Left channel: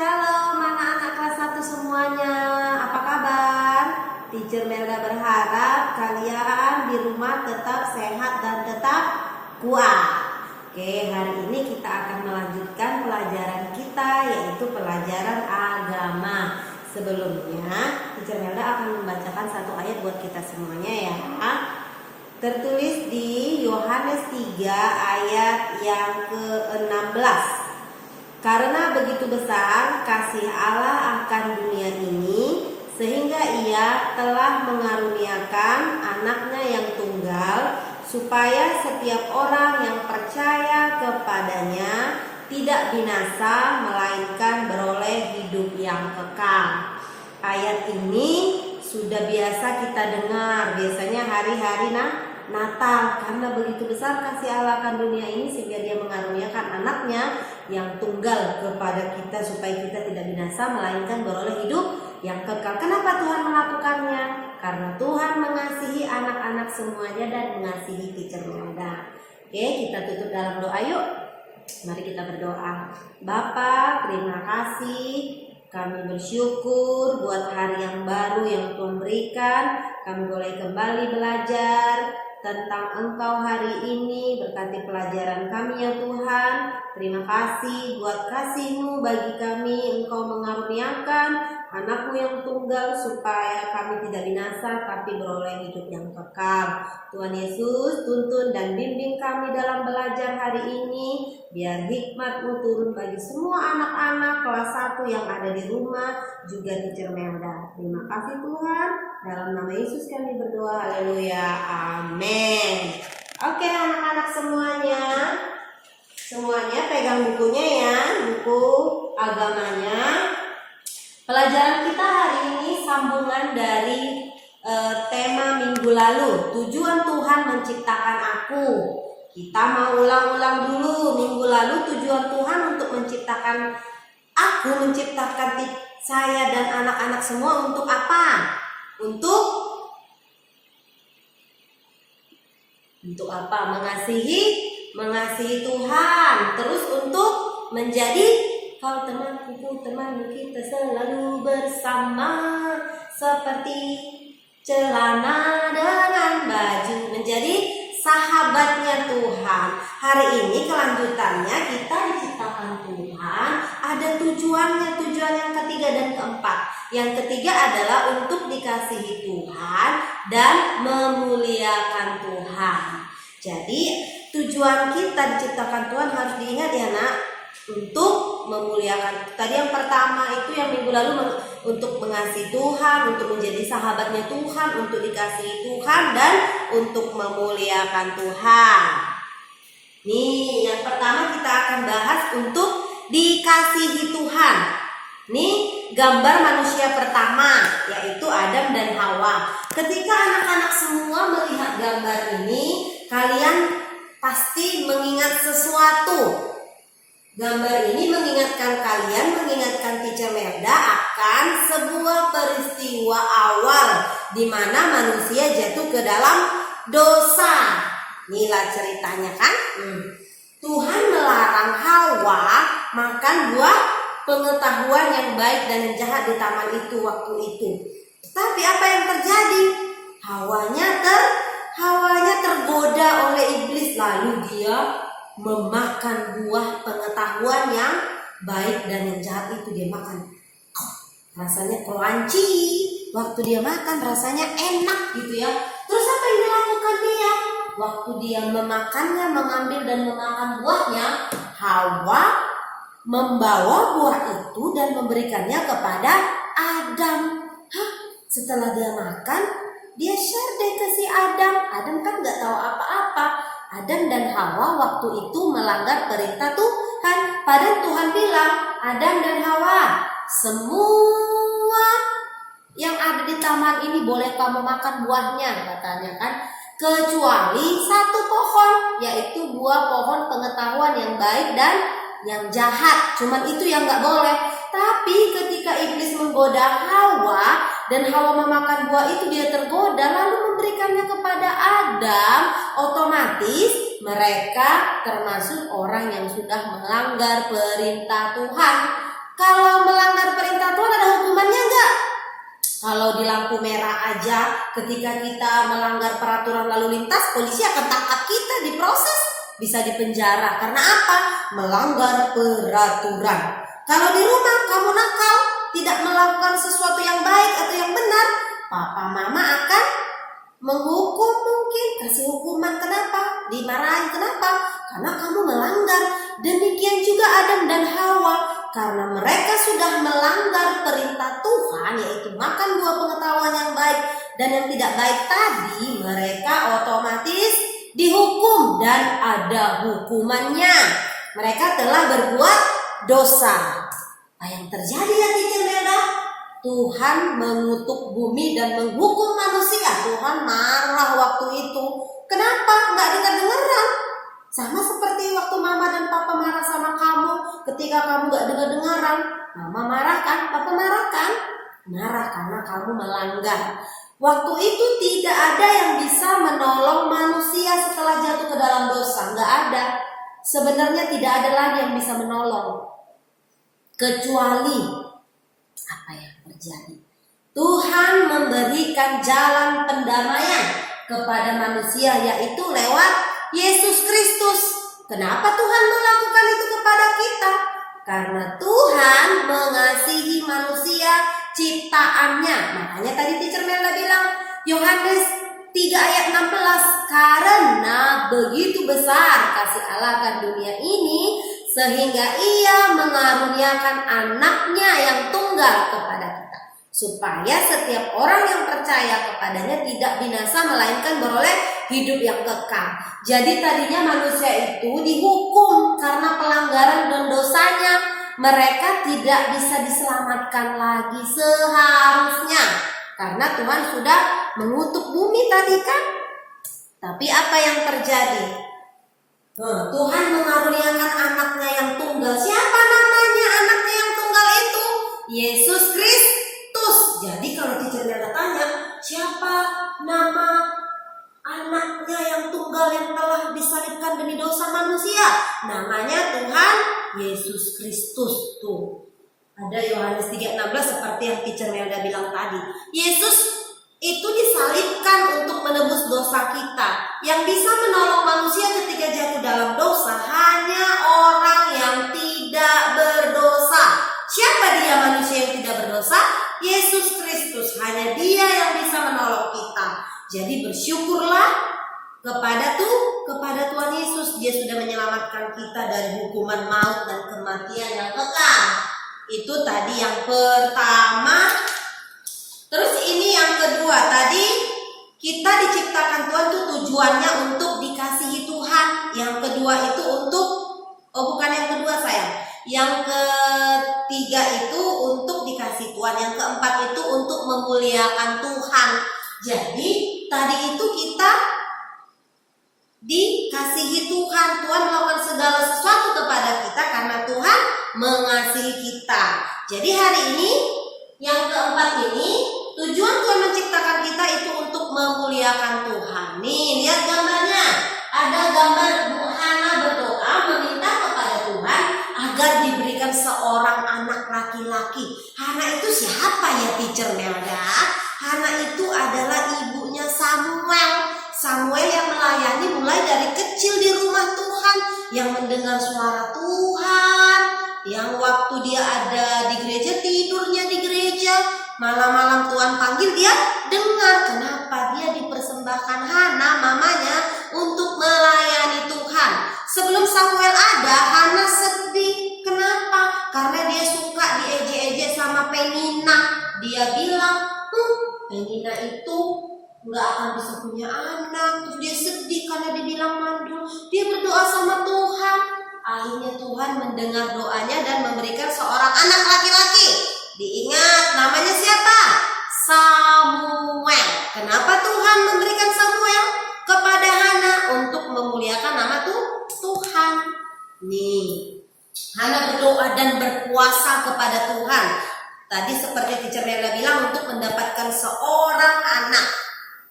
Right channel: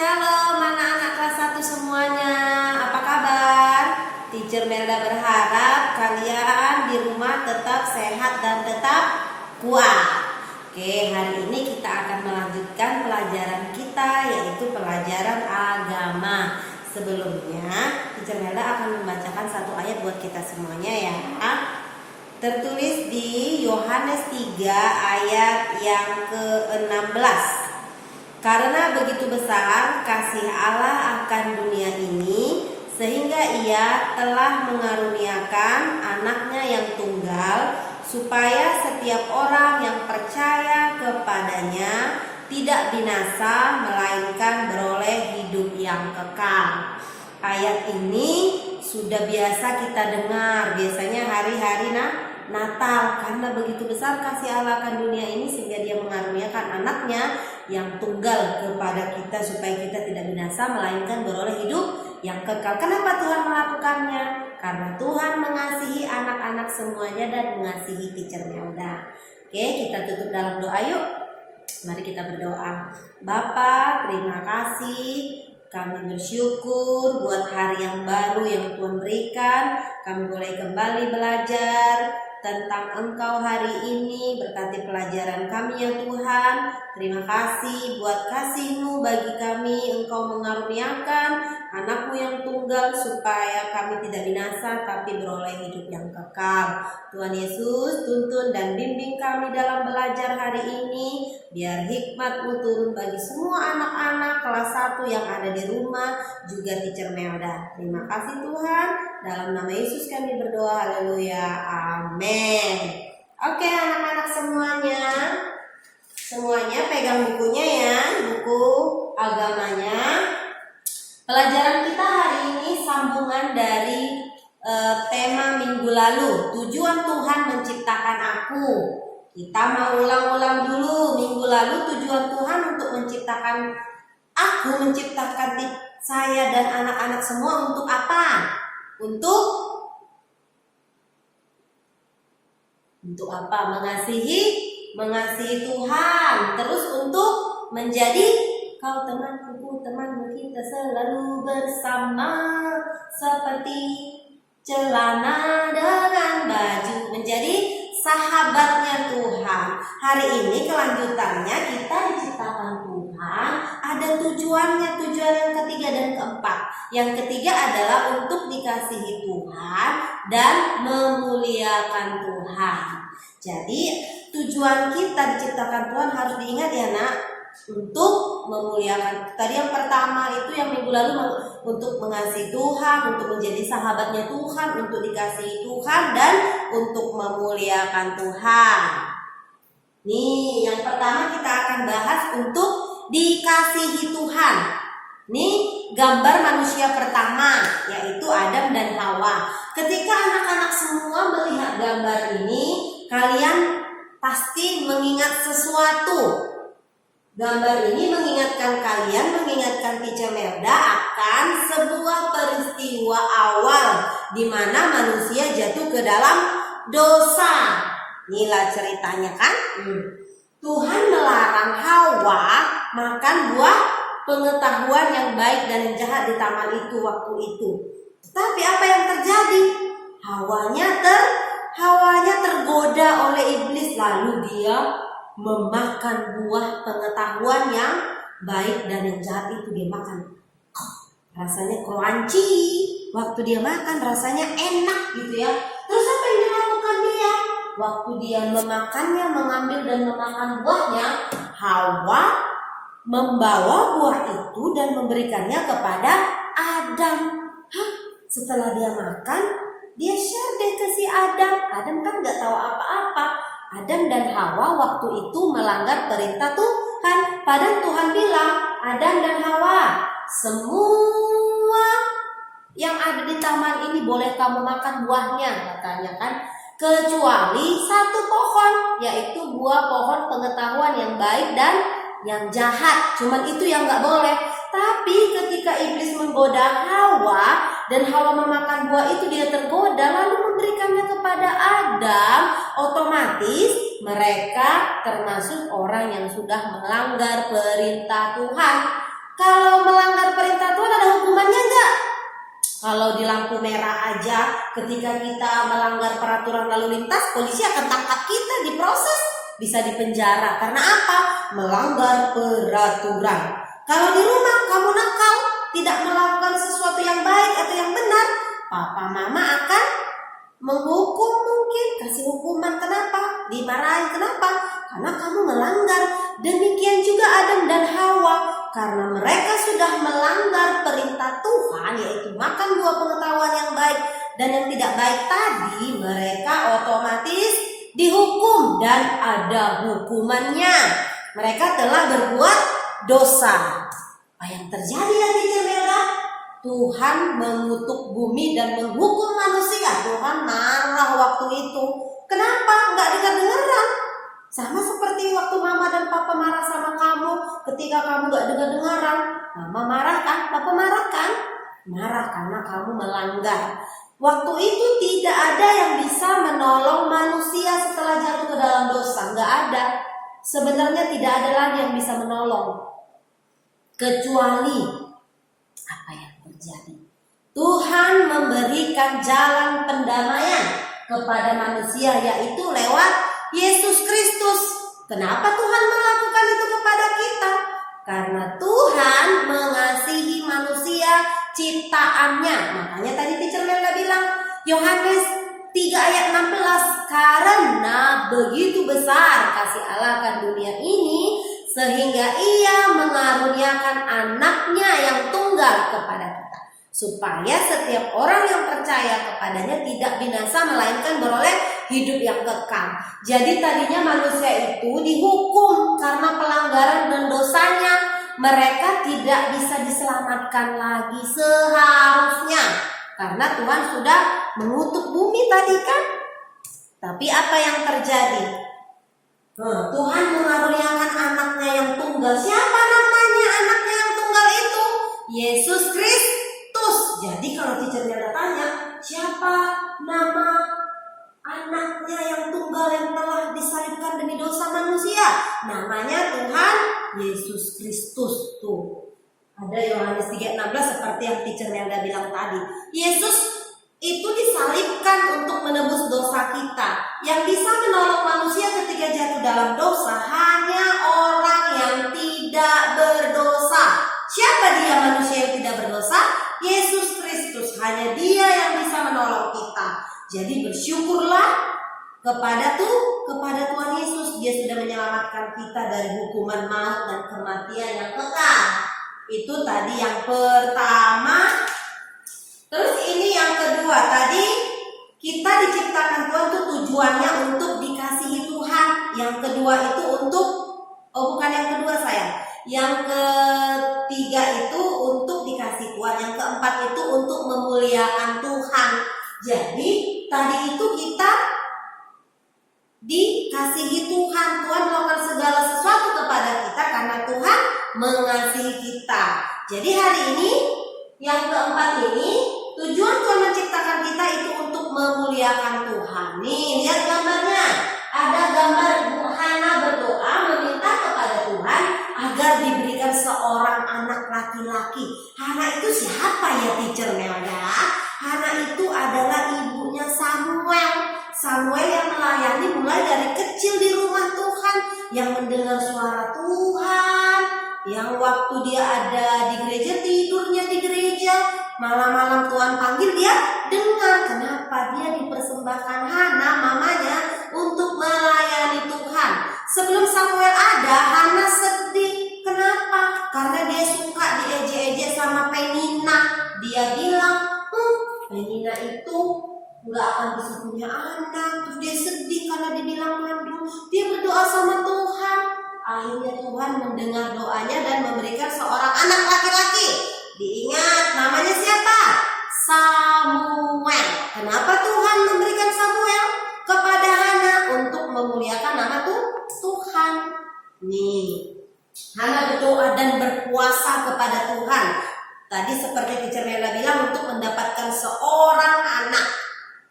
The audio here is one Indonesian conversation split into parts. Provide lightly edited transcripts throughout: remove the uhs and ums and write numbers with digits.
Shalom anak-anak kelas 1 semuanya. Apa kabar? Teacher Melda berharap kalian di rumah tetap sehat dan tetap kuat. Oke, hari ini kita akan melanjutkan pelajaran kita, yaitu pelajaran agama. Sebelumnya, Teacher Melda akan membacakan satu ayat buat kita semuanya ya. Tertulis di Yohanes 3 ayat yang ke-16. Karena begitu besar kasih Allah akan dunia ini, sehingga Ia telah mengaruniakan anaknya yang tunggal, supaya setiap orang yang percaya kepadanya tidak binasa, melainkan beroleh hidup yang kekal. Ayat ini sudah biasa kita dengar, biasanya hari-hari Natal. Karena begitu besar kasih Allah akan dunia ini, sehingga Dia mengaruniakan anaknya yang tunggal kepada kita, supaya kita tidak binasa, melainkan beroleh hidup yang kekal. Kenapa Tuhan melakukannya? Karena Tuhan mengasihi anak-anak semuanya dan mengasihi Teacher Melda. Oke, kita tutup dalam doa yuk. Mari kita berdoa. Bapa, terima kasih. Kami bersyukur buat hari yang baru yang Tuhan berikan. Kami boleh kembali belajar tentang Engkau hari ini. Berkati pelajaran kami ya Tuhan. Terima kasih buat kasih-Mu bagi kami. Engkau mengaruniakan anak-Mu yang tunggal, supaya kami tidak binasa tapi beroleh hidup yang kekal. Tuhan Yesus, tuntun dan bimbing kami dalam belajar hari ini. Biar hikmat-Mu turun bagi semua anak-anak kelas 1 yang ada di rumah, juga Teacher Melda. Terima kasih Tuhan. Dalam nama Yesus kami berdoa. Haleluya. Amin. Oke anak-anak semuanya. Semuanya pegang bukunya ya. Buku agamanya. Pelajaran kita hari ini sambungan dari tema minggu lalu. Tujuan Tuhan menciptakan aku. Kita mau ulang-ulang dulu. Minggu lalu tujuan Tuhan untuk menciptakan aku, menciptakan saya dan anak-anak semua untuk apa? Untuk apa? Mengasihi Tuhan. Terus untuk menjadi kau temanku, temanmu, kita selalu bersama, seperti celana dengan baju, menjadi sahabatnya Tuhan. Hari ini kelanjutannya, kita diciptakan Tuhan, ada tujuannya, tujuan yang ketiga dan keempat. Yang ketiga adalah untuk dikasihi Tuhan dan memuliakan Tuhan. Jadi tujuan kita diciptakan Tuhan harus diingat ya nak, untuk memuliakan. Tadi yang pertama itu yang minggu lalu untuk mengasihi Tuhan, untuk menjadi sahabatnya Tuhan, untuk dikasihi Tuhan dan untuk memuliakan Tuhan. Nih yang pertama kita akan bahas untuk dikasihi Tuhan. Nih gambar manusia pertama, yaitu Adam dan Hawa. Ketika anak-anak semua melihat gambar ini, kalian pasti mengingat sesuatu. Gambar ini mengingatkan kalian, mengingatkan Teacher Melda akan sebuah peristiwa awal di mana manusia jatuh ke dalam dosa. Inilah ceritanya kan? Tuhan melarang Hawa makan buah pengetahuan yang baik dan yang jahat di taman itu waktu itu. Tapi apa yang terjadi? Hawanya tergoda oleh iblis, lalu dia memakan buah pengetahuan yang baik dan yang jahat itu. Dia makan, rasanya crunchy. Waktu dia makan rasanya enak gitu ya. Terus apa yang dilakukan dia? Waktu dia memakannya, mengambil dan memakan buahnya, Hawa membawa buah itu dan memberikannya kepada Adam. Setelah dia makan, dia share deh ke si Adam. Adam kan gak tahu apa-apa. Adam dan Hawa waktu itu melanggar perintah Tuhan. Padahal Tuhan bilang, Adam dan Hawa, semua yang ada di taman ini boleh kamu makan buahnya, katanya kan, kecuali satu pohon, yaitu buah pohon pengetahuan yang baik dan yang jahat. Cuman itu yang gak boleh. Tapi ketika iblis menggoda Hawa dan Hawa memakan buah itu, dia tergoda lalu memberikannya kepada Adam, otomatis mereka termasuk orang yang sudah melanggar perintah Tuhan. Kalau melanggar perintah Tuhan ada hukumannya enggak? Kalau di lampu merah aja, ketika kita melanggar peraturan lalu lintas, polisi akan tangkap kita, diproses, bisa dipenjara. Karena apa? Melanggar peraturan. Kalau di rumah kamu nakal, tidak melakukan sesuatu yang baik atau yang benar, papa mama akan menghukum, mungkin kasih hukuman. Kenapa? Dimarahin. Kenapa? Karena kamu melanggar. Demikian juga Adam dan Hawa, karena mereka sudah melanggar perintah Tuhan, yaitu makan buah pengetahuan yang baik dan yang tidak baik tadi, mereka otomatis dihukum dan ada hukumannya. Mereka telah berbuat dosa. Apa yang terjadi ya Teacher Melda? Tuhan mengutuk bumi dan menghukum manusia. Tuhan marah waktu itu. Kenapa? Nggak dengar-dengaran. Sama seperti waktu mama dan papa marah sama kamu. Ketika kamu nggak dengar-dengaran, mama marah kan? Papa marah kan? Marah karena kamu melanggar. Waktu itu tidak ada yang bisa menolong manusia setelah jatuh ke dalam dosa. Nggak ada. Sebenarnya tidak ada lagi yang bisa menolong. Kecuali apa yang terjadi? Tuhan memberikan jalan pendamaian kepada manusia, yaitu lewat Yesus Kristus. Kenapa Tuhan melakukan itu kepada kita? Karena Tuhan mengasihi manusia ciptaannya. Makanya tadi Teacher Melda bilang Yohanes 3 ayat 16, karena begitu besar kasih Allah akan dunia ini sehingga ia mengaruniakan anaknya yang tunggal kepada kita, supaya setiap orang yang percaya kepadanya tidak binasa melainkan beroleh hidup yang kekal. Jadi tadinya manusia itu dihukum karena pelanggaran dan dosanya. Mereka tidak bisa diselamatkan lagi seharusnya, karena Tuhan sudah mengutuk bumi tadi kan. Tapi apa yang terjadi? Tuhan mengaruniakan anaknya yang tunggal. Siapa namanya anaknya yang tunggal itu? Yesus Kristus. Jadi kalau Teacher Melda tanya, siapa nama anaknya yang tunggal yang telah disalibkan demi dosa manusia? Namanya Tuhan Yesus Kristus. Tuh, ada Yohanes 3:16 seperti yang Teacher Melda bilang tadi. Yesus itu disalibkan untuk menebus dosa kita. Yang bisa menolong manusia ketika jatuh dalam dosa hanya orang yang tidak berdosa. Siapa dia manusia yang tidak berdosa? Yesus Kristus. Hanya dia yang bisa menolong kita. Jadi bersyukurlah kepada Tuhan Yesus. Dia sudah menyelamatkan kita dari hukuman maut dan kematian yang kekal. Itu tadi yang pertama. Terus ini yang kedua, tadi kita diciptakan Tuhan tuh tujuannya untuk dikasihi Tuhan. Yang kedua itu untuk, bukan yang kedua sayang. Yang ketiga itu untuk dikasihi Tuhan. Yang keempat itu untuk memuliakan Tuhan. Jadi tadi itu kita dikasihi Tuhan. Tuhan melakukan segala sesuatu kepada kita karena Tuhan mengasihi kita. Jadi hari ini yang keempat ini, tujuan Tuhan menciptakan kita itu untuk memuliakan Tuhan. Nih, lihat gambarnya. Ada gambar Bu Hana berdoa meminta kepada Tuhan agar diberikan seorang anak laki-laki. Hana itu siapa ya Teacher Melda? Hana itu adalah ibunya Samuel. Samuel yang melayani mulai dari kecil di rumah Tuhan, yang mendengar suara Tuhan, yang waktu dia ada di gereja tidurnya di gereja, malam-malam Tuhan panggil dia dengar. Kenapa? Dia dipersembahkan Hana mamanya untuk melayani Tuhan. Sebelum Samuel ada, Hana sedih. Kenapa? Karena dia suka diejek-ejek sama Penina. Dia bilang, Penina itu nggak akan bisa punya anak. Terus dia sedih karena dibilang mandul. Dia berdoa sama Tuhan. Akhirnya Tuhan mendengar doanya dan memberikan seorang anak laki-laki. Diingat namanya siapa? Samuel. Kenapa Tuhan memberikan Samuel kepada Hana? Untuk memuliakan nama Tuhan. Nih, Hana berdoa dan berpuasa kepada Tuhan. Tadi seperti Teacher Melda bilang, untuk mendapatkan seorang anak.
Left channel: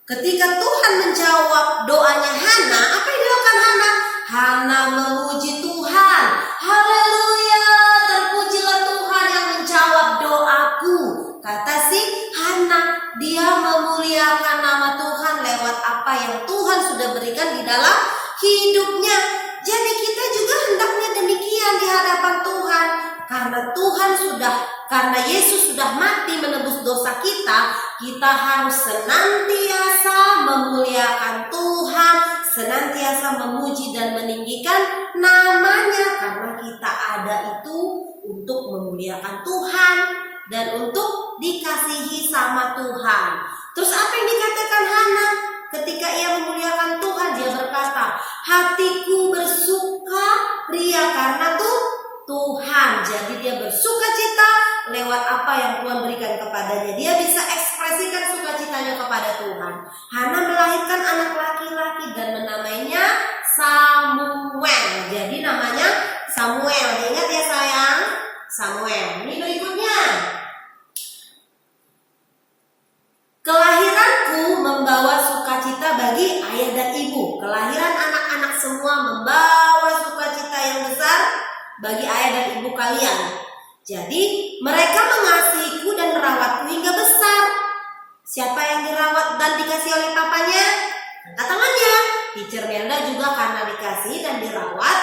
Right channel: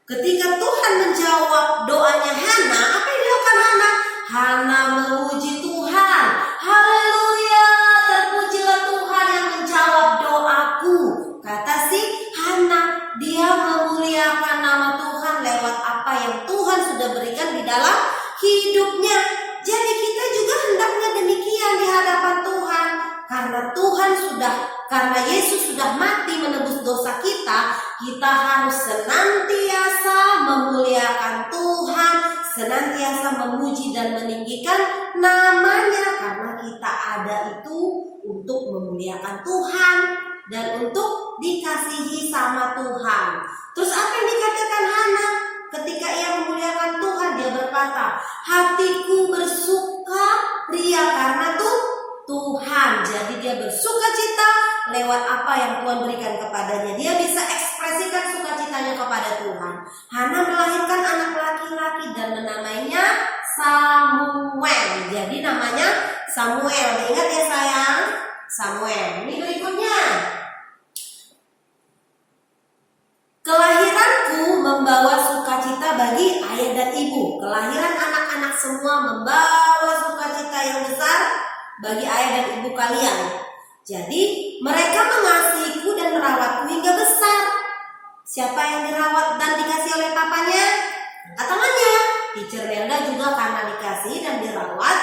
Ketika Tuhan menjawab doanya Hana, apa yang dilakukan Hana? Hana memuji Tuhan. Haleluya, terpujilah Tuhan yang karena Yesus sudah mati menebus dosa kita, kita harus senantiasa memuliakan Tuhan, senantiasa memuji dan meninggikan namanya, karena kita ada itu untuk memuliakan Tuhan dan untuk dikasihi sama Tuhan. Terus apa yang dikatakan Hana ketika ia memuliakan Tuhan? Dia berkata, hatiku bersuka ria karena Tuhan. Jadi dia bersuka cita lewat apa yang Tuhan berikan kepadanya. Dia bisa ekspresikan sukacitanya kepada Tuhan. Hana melahirkan anak laki-laki dan menamainya Samuel. Jadi namanya Samuel. Ingat ya sayang? Samuel. Ini berikutnya. Kelahiranku membawa sukacita bagi ayah dan ibu. Kelahiran anak-anak semua membawa sukacita yang besar bagi ayah dan ibu kalian. Jadi mereka mengasihiku dan merawatku hingga besar. Siapa yang dirawat dan dikasih oleh papanya? Angkat tangannya. Teacher Melda juga karena dikasih dan dirawat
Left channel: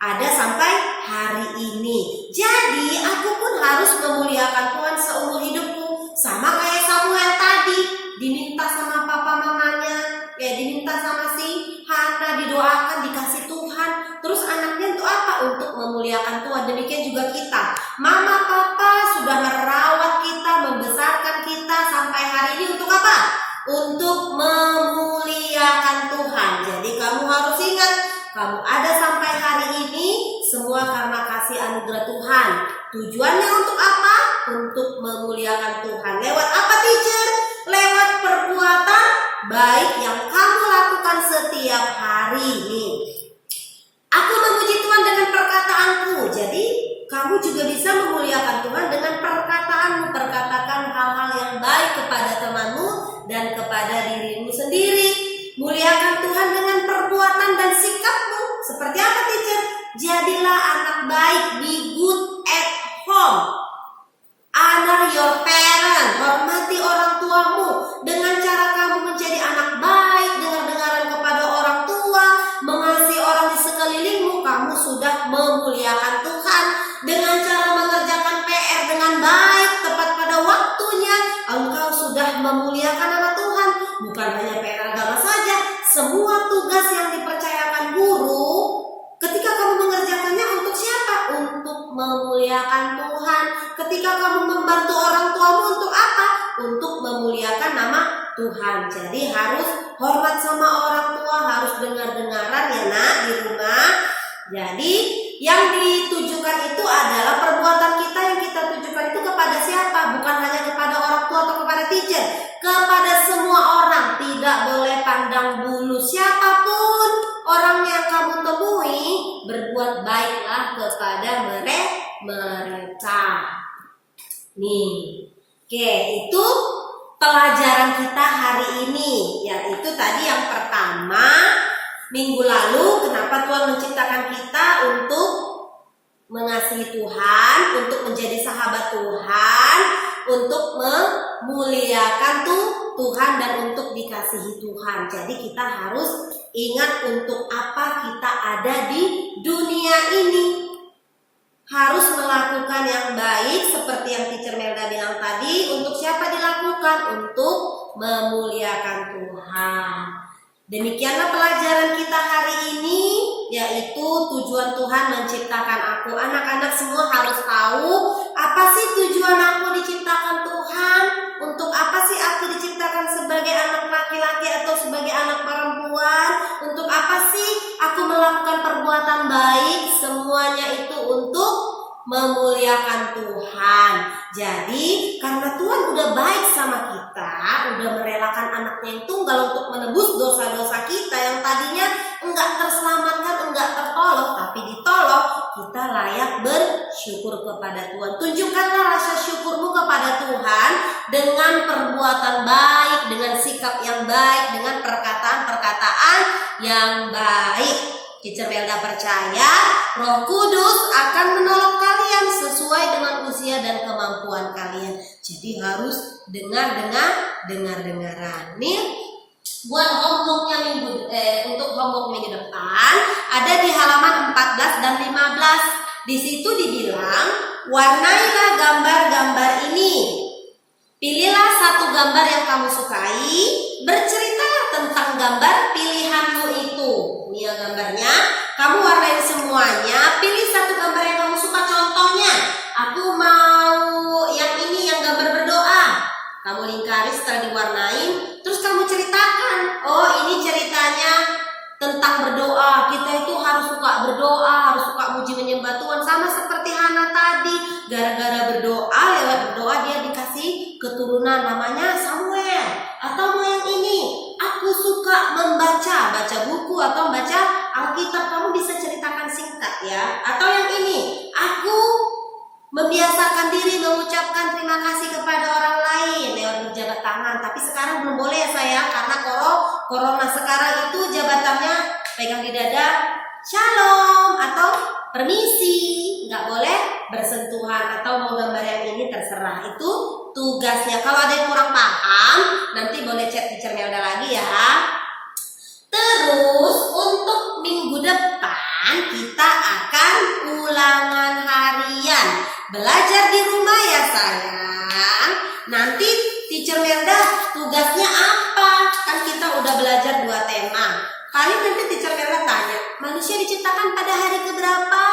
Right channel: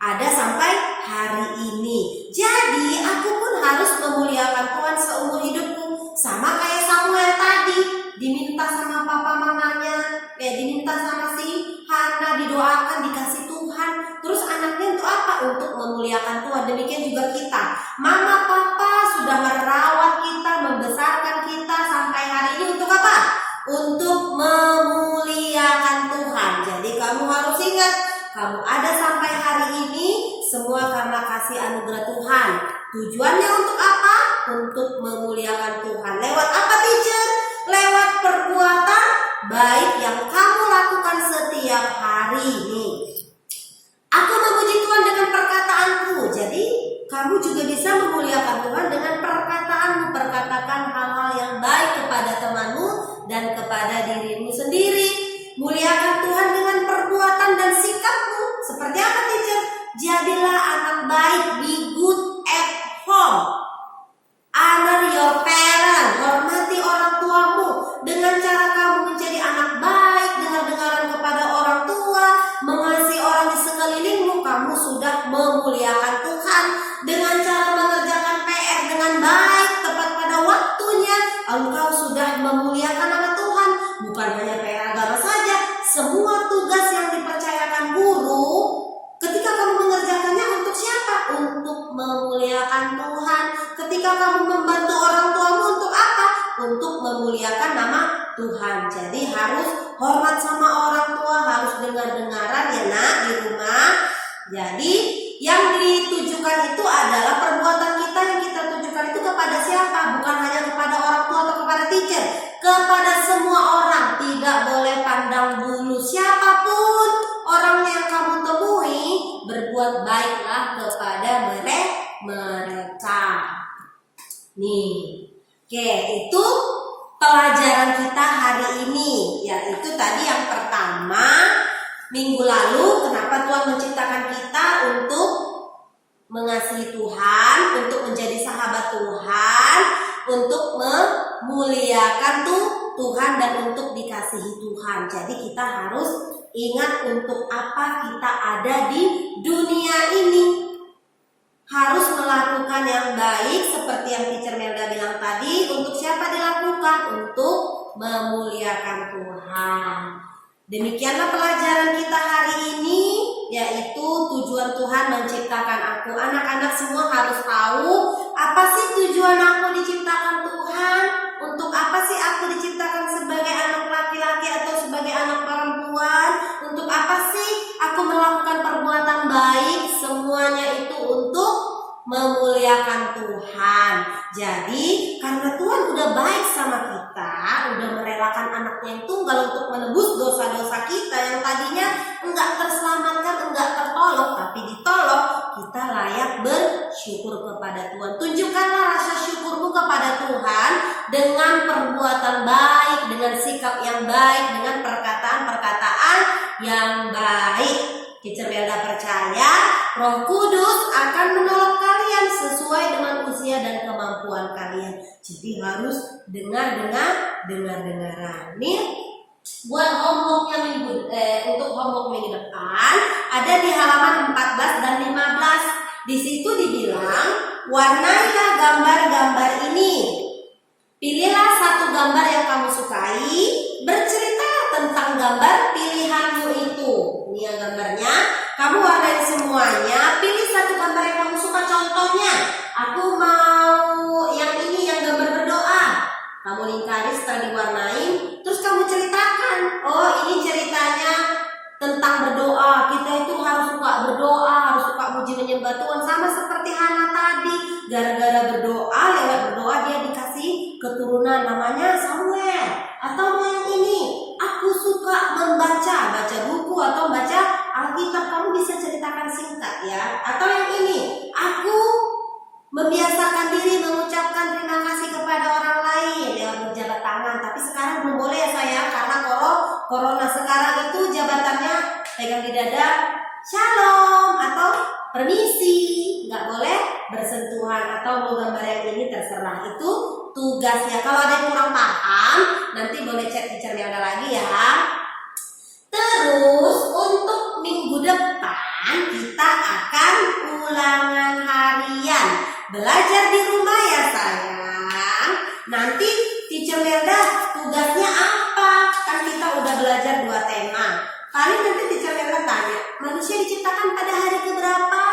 ada sampai hari ini. Jadi aku pun harus memuliakan Tuhan seumur hidupku. Sama kayak Samuel tadi, diminta sama papa mamanya, diminta sama si Hana, didoakan, dikasih Tuhan. Terus anaknya untuk apa? Untuk memuliakan Tuhan. Demikian juga kita. Mama papa sudah merawat kita, membesarkan kita sampai hari ini untuk apa? Untuk memuliakan Tuhan. Jadi kamu harus ingat, kamu ada sampai hari ini semua karena kasih anugerah Tuhan. Tujuannya untuk apa? Untuk memuliakan Tuhan. Lewat apa teacher? Lewat perbuatan baik yang kamu lakukan setiap hari ini. Aku memuji Tuhan dengan perkataanku. Jadi kamu juga bisa memuliakan Tuhan dengan perkataanmu. Perkatakan hal-hal yang baik kepada temanmu dan kepada dirimu sendiri. Muliakan Tuhan dengan perbuatan dan sikapmu. Seperti apa teacher? Jadilah anak baik, be good at home. Honor your parent, hormati orang tuamu. Dengan cara kamu menjadi anak baik, dengar-dengaran kepada orang tua, mengasihi orang di sekelilingmu, kamu sudah memuliakan Tuhan. Dengan cara mengerjakan PR dengan baik, tepat pada waktunya, engkau sudah memuliakan nama Tuhan. Bukan hanya PR agama saja, semua tugas yang dipercayakan guru, ketika kamu mengerjakannya untuk siapa? Untuk memuliakan Tuhan. Ketika kamu membantu orang tuamu untuk apa? Untuk memuliakan nama Tuhan. Jadi harus hormat sama orang tua, harus dengar-dengaran ya nak di rumah. Jadi yang ditujukan itu adalah perbuatan kita yang kita tujukan itu kepada siapa? Bukan hanya kepada orang tua atau kepada teacher, kepada semua orang. Tidak boleh pandang bulu siapapun orang yang kamu temui, berbuat baiklah kepada mereka. Nih, oke, itu pelajaran kita hari ini, yaitu tadi yang pertama, minggu lalu kenapa Tuhan menciptakan kita untuk mengasihi Tuhan, untuk menjadi sahabat Tuhan, untuk memuliakan Tuhan dan untuk dikasihi Tuhan. Jadi kita harus ingat untuk apa kita ada di dunia ini. Harus melakukan yang baik seperti yang teacher Melda bilang tadi. Untuk siapa dilakukan? Untuk memuliakan Tuhan. Demikianlah pelajaran kita hari ini, yaitu tujuan Tuhan menciptakan aku. Anak-anak semua harus tahu apa sih tujuan aku diciptakan Tuhan. Untuk apa sih aku diciptakan sebagai anak laki-laki atau sebagai anak perempuan? Untuk apa sih aku melakukan perbuatan baik? Semuanya itu untuk memuliakan Tuhan. Jadi karena Tuhan udah baik sama kita, udah merelakan anaknya yang tunggal untuk menebus dosa-dosa kita yang tadinya enggak terselamatkan, enggak tertolong, tapi ditolong, kita layak bersyukur kepada Tuhan. Tunjukkanlah rasa syukurmu kepada Tuhan dengan perbuatan baik, dengan sikap yang baik, dengan perkataan-perkataan yang baik. Teacher Melda percaya Roh Kudus akan menolong kalian sesuai dengan usia dan kemampuan kalian. Jadi harus dengar-dengaran. Nih buat homeworknya untuk homework minggu depan ada di halaman 14 dan 15. Di situ dibilang, warnailah gambar-gambar ini. Pilihlah satu gambar yang kamu sukai, berceritalah tentang gambar pilihanmu itu. Ini ya gambarnya, kamu warnai semuanya, pilih satu gambar yang kamu suka. Contohnya, aku mau yang ini, yang gambar berdoa. Kamu lingkari setelah diwarnain, terus kamu ceritakan, oh ini ceritanya tentang berdoa. Kita itu harus suka berdoa, harus suka muji menyembah Tuhan. Sama seperti Hana tadi, gara-gara berdoa, lewat berdoa dia dikasih keturunan namanya Samuel. Atau mau yang ini, aku suka baca buku atau baca Alkitab. Kamu bisa ceritakan singkat ya. Atau yang ini, aku membiasakan diri mengucapkan terima kasih kepada orang lain lewat berjabat tangan. Tapi sekarang belum boleh ya sayang, karena corona sekarang itu jabatannya pegang di dada, shalom atau permisi, nggak boleh bersentuhan. Atau mau gambar yang ini terserah, itu tugasnya. Kalau ada yang kurang paham, nanti boleh chat Teacher Melda lagi ya. Terus untuk minggu depan kita akan ulangan harian. Belajar di rumah ya sayang. Nanti Teacher Melda tugasnya apa? Kan kita udah belajar 2 tema. Paling nanti Teacher Melda tanya, manusia diciptakan pada hari keberapa?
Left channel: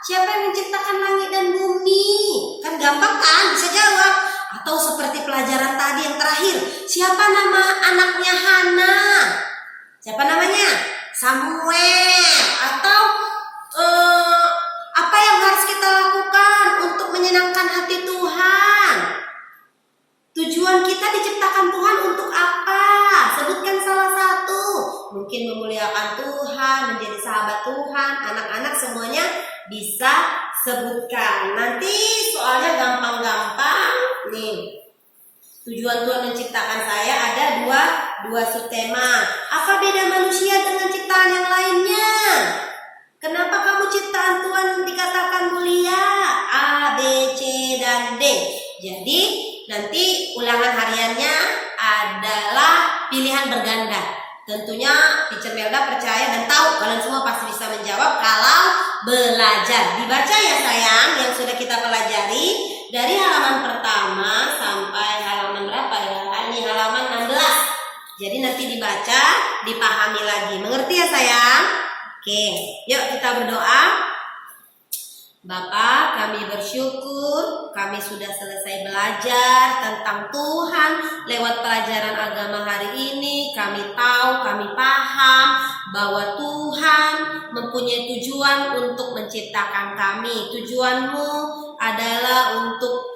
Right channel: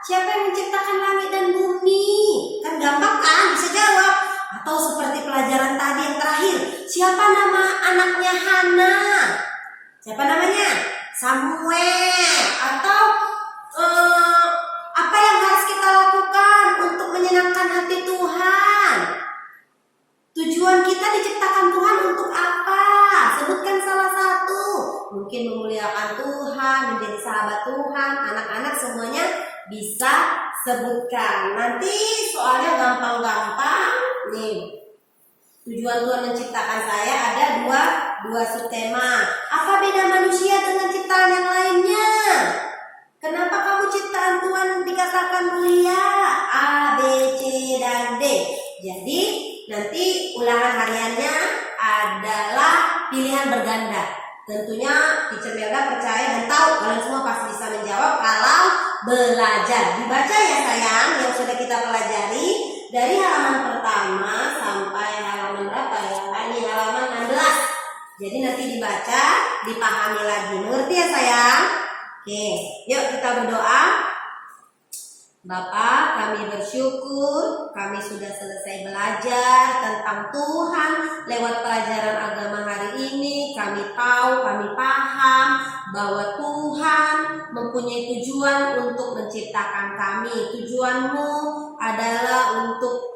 Siapa yang menciptakan langit dan bumi? Kan gampang kan, bisa jawab. Atau seperti pelajaran tadi yang terakhir, siapa nama anaknya Hana? Siapa namanya? Samuel. Atau apa yang harus kita lakukan untuk menyenangkan hati Tuhan? Tujuan kita diciptakan Tuhan untuk apa? Sebutkan salah satu. Mungkin memuliakan Tuhan, menjadi sahabat Tuhan. Anak-anak semuanya bisa sebutkan. Nanti soalnya gampang-gampang. Nih, tujuan Tuhan menciptakan saya ada dua subtema. Apa beda manusia dengan ciptaan yang lainnya? Kenapa kamu ciptaan Tuhan dikatakan mulia? A, B, C, dan D. Jadi nanti ulangan hariannya adalah pilihan berganda. Tentunya Teacher Melda percaya dan tahu kalian semua pasti bisa menjawab kalau belajar. Dibaca ya sayang yang sudah kita pelajari dari halaman pertama sampai halaman berapa ya? Ini halaman 16. Jadi nanti dibaca, dipahami lagi. Mengerti ya sayang? Oke, yuk kita berdoa. Bapa, kami bersyukur kami sudah selesai belajar tentang Tuhan lewat pelajaran agama hari ini. Kami tahu, kami paham bahwa Tuhan mempunyai tujuan untuk menciptakan kami. Tujuanmu adalah untuk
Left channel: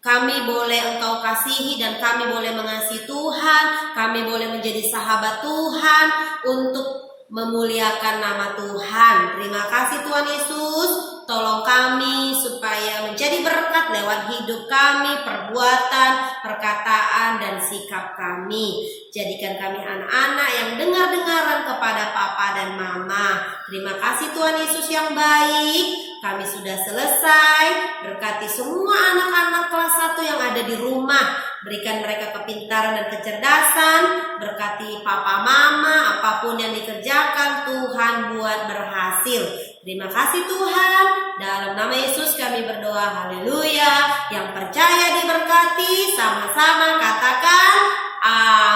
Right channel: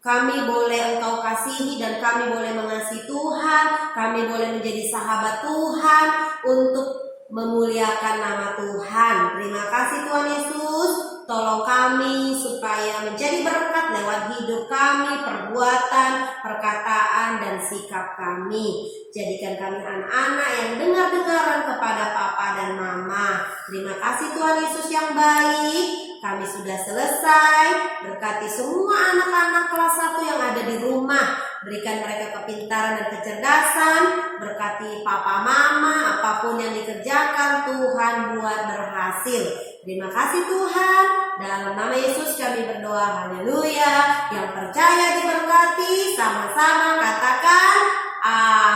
kami boleh Engkau kasihi dan kami boleh mengasihi Tuhan. Kami boleh menjadi sahabat Tuhan untuk memuliakan nama Tuhan. Terima kasih Tuhan Yesus. Tolong kami supaya menjadi berkat lewat hidup kami, perbuatan, perkataan, dan sikap kami. Jadikan kami anak-anak yang dengar-dengaran kepada Papa dan Mama. Terima kasih Tuhan Yesus yang baik. Kami sudah selesai. Berkati semua anak-anak kelas 1 yang ada di rumah. Berikan mereka kepintaran dan kecerdasan. Berkati Papa Mama, apapun yang dikerjakan Tuhan buat berhasil. Terima kasih Tuhan. Dalam nama Yesus kami berdoa. Haleluya. Yang percaya diberkati, sama-sama katakan amin.